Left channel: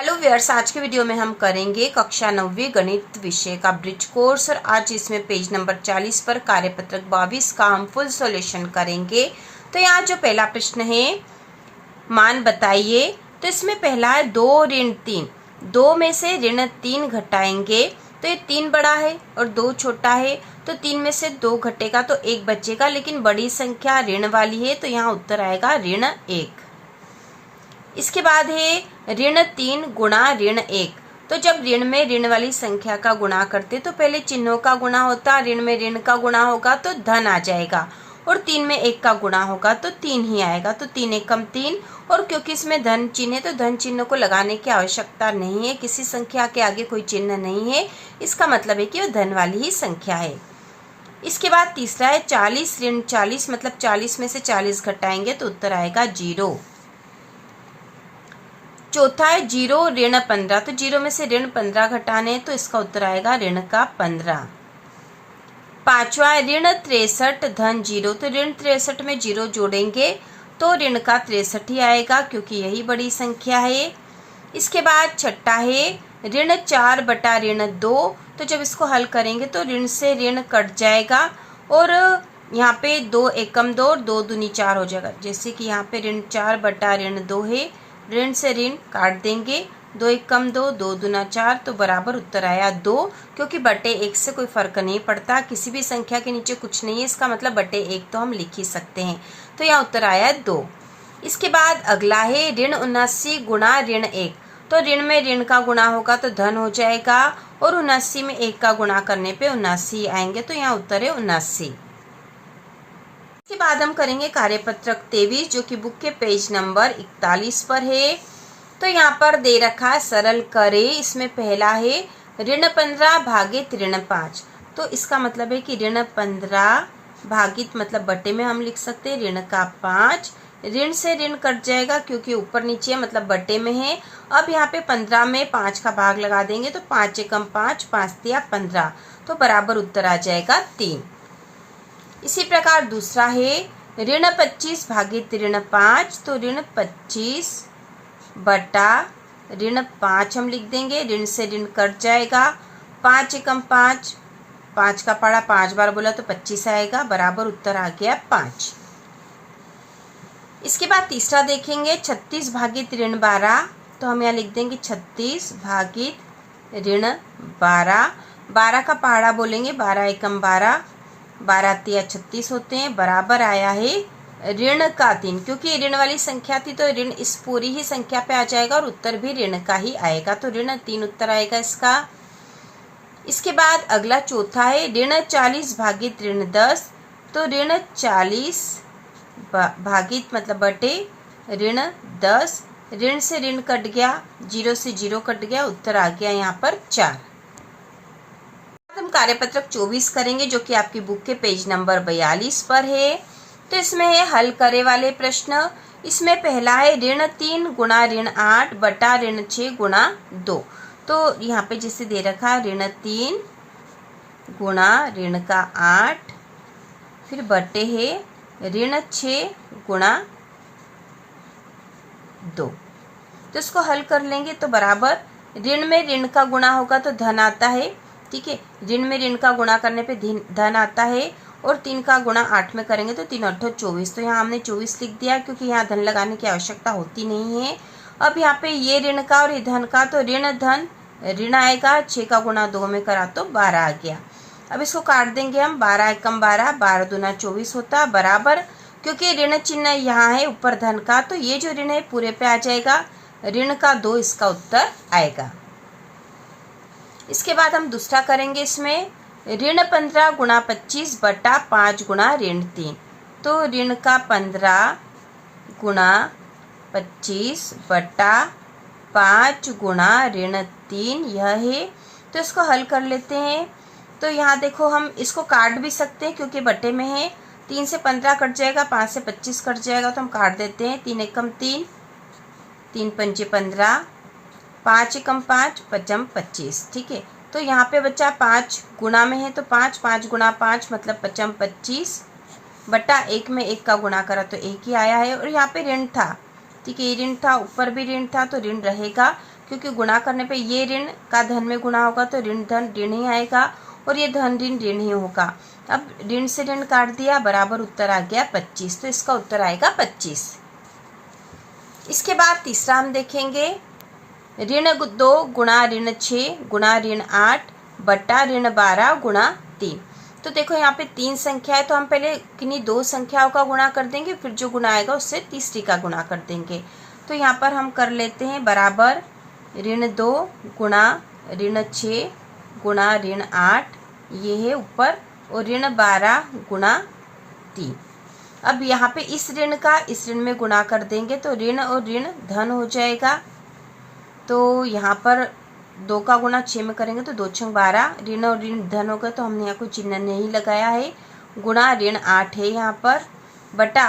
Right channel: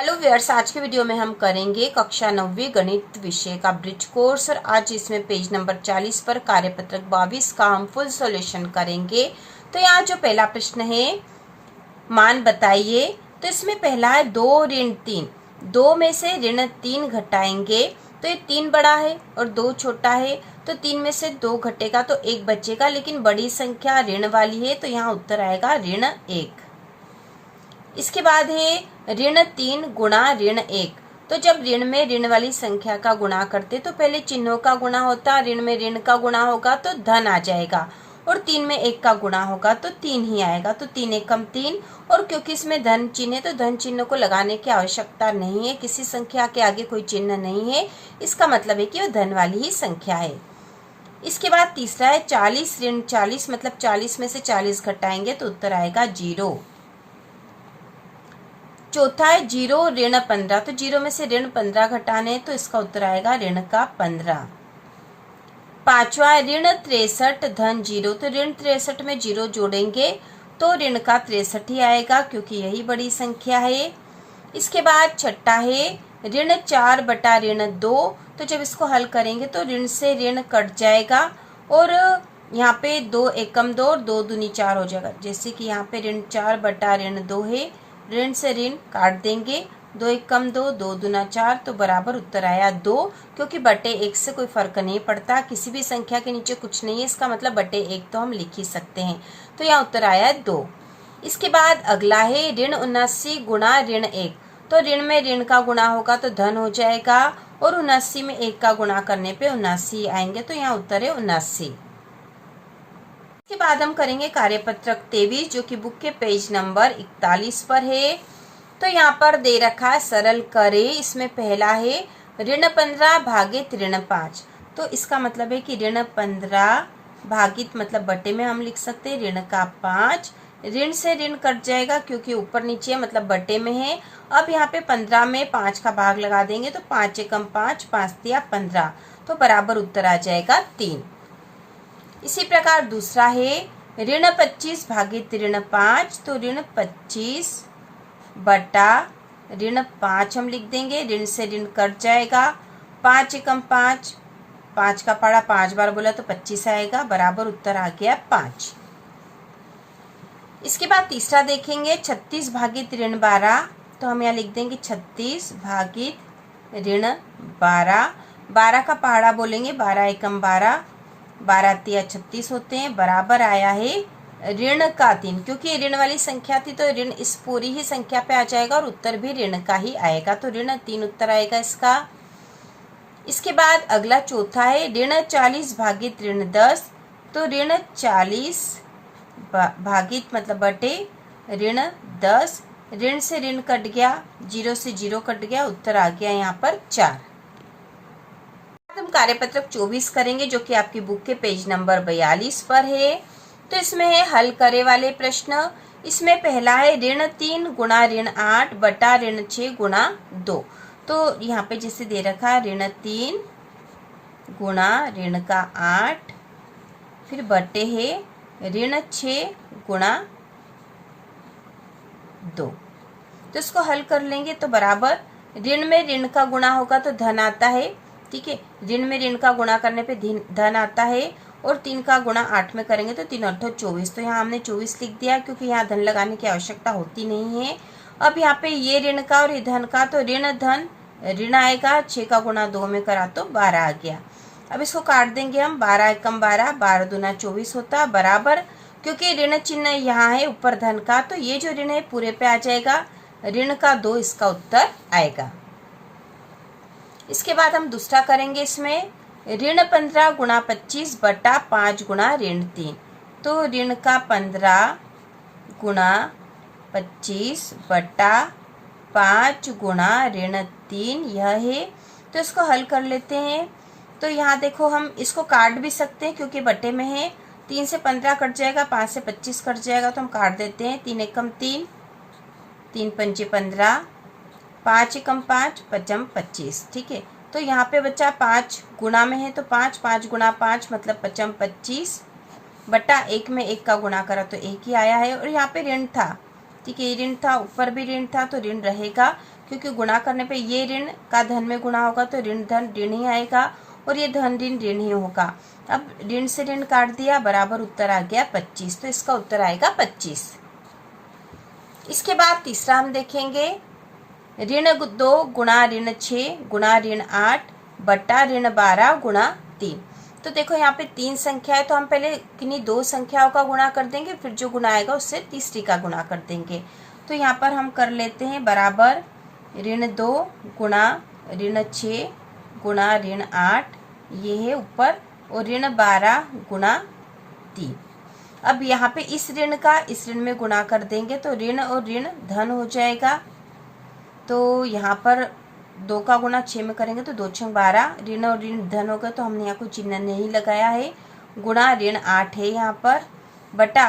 Hello viewers, आज के video में हम करेंगे कक्षा 9वीं गणित विषय का ब्रिज कोर्स और आज इसमें पेज नंबर 40 पर कार्यपत्रक 22 का हम फुल सॉल्यूशन करेंगे। तो यहाँ जो पहला प्रश्न है, मान बताइए। तो इसमें पहला है 2 ऋण 3। 2 में से ऋण 3 घटाएंगे तो ये 3 बड़ा है और 2 छोटा है, तो 3 में से 2 घटेगा तो 1 बचेगा, लेकिन बड़ी संख्या ऋण वाली है तो यहाँ उत्तर आएगा ऋण 1। इसके बाद है ऋण 3 गुणा ऋण 1। तो जब ऋण में ऋण वाली संख्या का गुणा करते तो पहले चिन्हों का गुणा होता, ऋण में ऋण का गुणा होगा तो धन आ जाएगा, और 3 में 1 का गुणा होगा तो 3 ही आएगा, तो 3 एकम 3। और क्योंकि इसमें धन चिन्ह है तो धन चिन्ह को लगाने की आवश्यकता नहीं है, किसी संख्या के आगे कोई चिन्ह नहीं है, इसका मतलब है कि वो धन वाली ही संख्या है। इसके बाद तीसरा है 40 ऋण 40, मतलब 40 में से 40 घटाएंगे तो उत्तर आएगा 0। चौथा है 0 ऋण 15। तो 0 में से ऋण 15 घटाने तो इसका उत्तर आएगा ऋण का 15। पांचवा है ऋण 63 धन 0। तो ऋण 63 में 0 जोड़ेंगे तो ऋण का 63 ही आएगा, क्योंकि यही बड़ी संख्या है। इसके बाद छठा है ऋण 4 बटा ऋण 2। तो जब इसको हल करेंगे तो ऋण से ऋण कट जाएगा और यहाँ पे 2 एकम 2 और 2 दूनी 4 हो जाएगा। जैसे कि यहाँ पे ऋण 4 बटा ऋण 2 है, ऋण से ऋण काट देंगे, 2 एकम 2, 2 दूना 4, तो बराबर उत्तर आया 2। क्योंकि बटे 1 से कोई फर्क नहीं पड़ता, किसी भी संख्या के नीचे कुछ नहीं है, इसका मतलब बटे 1 तो हम लिख ही सकते हैं, तो यहाँ उत्तर आया 2। इसके बाद अगला है ऋण 79 गुणा ऋण 1। तो ऋण में ऋण का गुणा होगा तो धन हो जाएगा, और 79 में 1 का गुणा करने पे 79 आएंगे, तो यहाँ उत्तर है 79। इसके बाद हम करेंगे कार्यपत्रक 23, जो कि बुक के पेज नंबर 41 पर है। तो यहाँ पर दे रखा है सरल करे। इसमें पहला है ऋण 15 भागित ऋण 5। तो इसका मतलब है कि ऋण 15 भागित मतलब बटे में हम लिख सकते हैं ऋण का 5। ऋण से ऋण कट जाएगा क्योंकि ऊपर नीचे मतलब बटे में है। अब यहाँ पे 15 में 5 का भाग लगा देंगे तो 5 एकम 5, 5 तिया 15, तो बराबर उत्तर आ जाएगा 3। इसी प्रकार दूसरा है ऋण 25 भागित ऋण 5। तो ऋण 25 बटा ऋण 5 हम लिख देंगे, ऋण से ऋण कट जाएगा, 5 एकम 5, 5 का पढ़ा 5 बार बोला तो 25 आएगा, बराबर उत्तर आ गया 5। इसके बाद तीसरा देखेंगे 36 भागित ऋण 12। तो हम यहाँ लिख देंगे 36 भागित ऋण 12। 12 का पहाड़ा बोलेंगे, 12 एकम 12, 12 तिया 36 होते हैं, बराबर आया है ऋण का 3। क्योंकि ऋण वाली संख्या थी तो ऋण इस पूरी ही संख्या पे आ जाएगा और उत्तर भी ऋण का ही आएगा, तो ऋण 3 उत्तर आएगा इसका। इसके बाद अगला चौथा है ऋण 40 भागित ऋण 10। तो ऋण 40 भागित मतलब बटे ऋण 10, ऋण से ऋण कट गया, 0 से 0 कट गया, उत्तर आ गया यहाँ पर 4। हम कार्यपत्रक 24 करेंगे, जो कि आपकी बुक के पेज नंबर 42 पर है। तो इसमें है हल करे वाले प्रश्न। इसमें पहला है ऋण 3 गुणा ऋण 8 बटा ऋण 6 गुणा 2। तो यहाँ पे जैसे दे रखा है ऋण 3 गुणा ऋण का 8, फिर बटे है ऋण 6 गुणा 2। तो इसको हल कर लेंगे तो बराबर ऋण में ऋण का गुणा होगा तो धन आता है, ठीक है, ऋण में ऋण का गुणा करने पे धन आता है, और 3 का गुणा 8 में करेंगे तो 3 8 24। तो यहाँ हमने 24 लिख दिया क्योंकि यहाँ धन लगाने की आवश्यकता होती नहीं है। अब यहाँ पे ये ऋण का और ये धन का, तो ऋण धन ऋण आएगा, 6 का गुणा 2 में करा तो 12 आ गया। अब इसको काट देंगे हम, 12 एकम 12, 12 दूना 24 होता, बराबर क्योंकि ऋण चिन्ह यहाँ है ऊपर धन का, तो ये जो ऋण है पूरे पे आ जाएगा, ऋण का 2 इसका उत्तर आएगा। इसके बाद हम दूसरा करेंगे। इसमें ऋण 15 गुणा 25 बटा 5 गुणा ऋण 3। तो ऋण का 15 गुणा 25 बटा 5 गुणा ऋण 3 यह है। तो इसको हल कर लेते हैं। तो यहाँ देखो हम इसको काट भी सकते हैं क्योंकि बटे में है, 3 से 15 कट जाएगा, 5 से 25 कट जाएगा, तो हम काट देते हैं। 3 एकम 3, 3 पंचे 15, 5 एकम 5, 5 25, ठीक है। तो यहाँ पे बच्चा 5 गुणा में है तो 5, 5 गुणा 5 मतलब 5 25 बटा 1 में 1 का गुणा करा तो 1 ही आया है। और यहाँ पे ऋण था, ठीक है, ऋण था, ऊपर भी ऋण था तो ऋण रहेगा क्योंकि गुणा करने पे ये ऋण का धन में गुणा होगा तो ऋण धन ऋण ही आएगा और ये धन ऋण ऋण ही होगा। अब ऋण से ऋण काट दिया, बराबर उत्तर आ गया 25, तो इसका उत्तर आएगा 25। इसके बाद तीसरा हम देखेंगे ऋण 2 गुणा ऋण 6 गुणा ऋण 8 बटा ऋण 12 गुणा 3। तो देखो यहाँ पे 3 संख्या है, तो हम पहले किन्हीं 2 संख्याओं का गुणा कर देंगे, फिर जो गुणा आएगा उससे तीसरी का गुणा कर देंगे। तो यहाँ पर हम कर लेते हैं बराबर ऋण 2 गुणा ऋण 6 गुणा ऋण 8, ये है ऊपर, और ऋण 12 गुणा 3। अब यहाँ पे इस ऋण का इस ऋण में गुणा कर देंगे तो ऋण और ऋण धन हो जाएगा। तो यहाँ पर 2 का गुणा 6 में करेंगे तो 2 6 12, ऋण और ऋण धन होगा, तो हमने यहाँ कोई चिन्ह नहीं लगाया है, गुणा ऋण 8 है यहाँ पर, बटा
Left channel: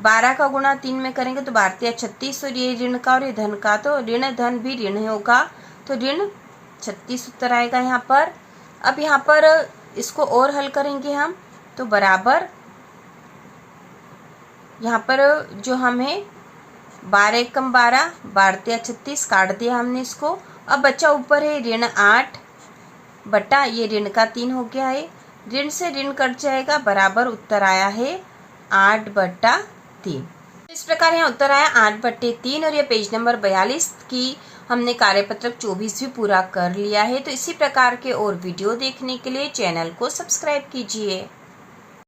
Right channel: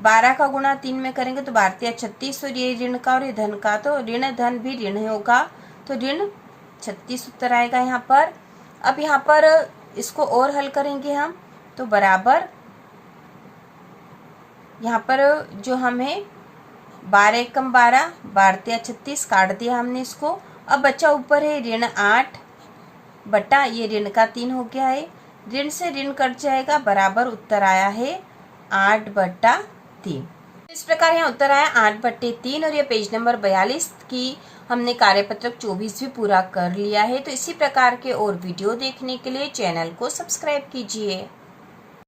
12 का गुणा 3 में करेंगे तो 12 36, और ये ऋण का और ये धन का, तो ऋण धन भी ऋण होगा, तो ऋण 36 उत्तर आएगा यहाँ पर। अब यहाँ पर इसको और हल करेंगे हम, तो बराबर यहाँ पर जो हमें 12 कम 12, 12 36 काट दिया हमने इसको। अब बच्चा ऊपर है ऋण 8 बटा ये ऋण का 3 हो गया है, ऋण से ऋण कट जाएगा, बराबर उत्तर आया है 8 बटा 3। इस प्रकार यहाँ उत्तर आया 8 बटे 3, और ये पेज नंबर 42 की हमने कार्यपत्रक 24 भी पूरा कर लिया है। तो इसी प्रकार के और वीडियो देखने के लिए चैनल को सब्सक्राइब कीजिए।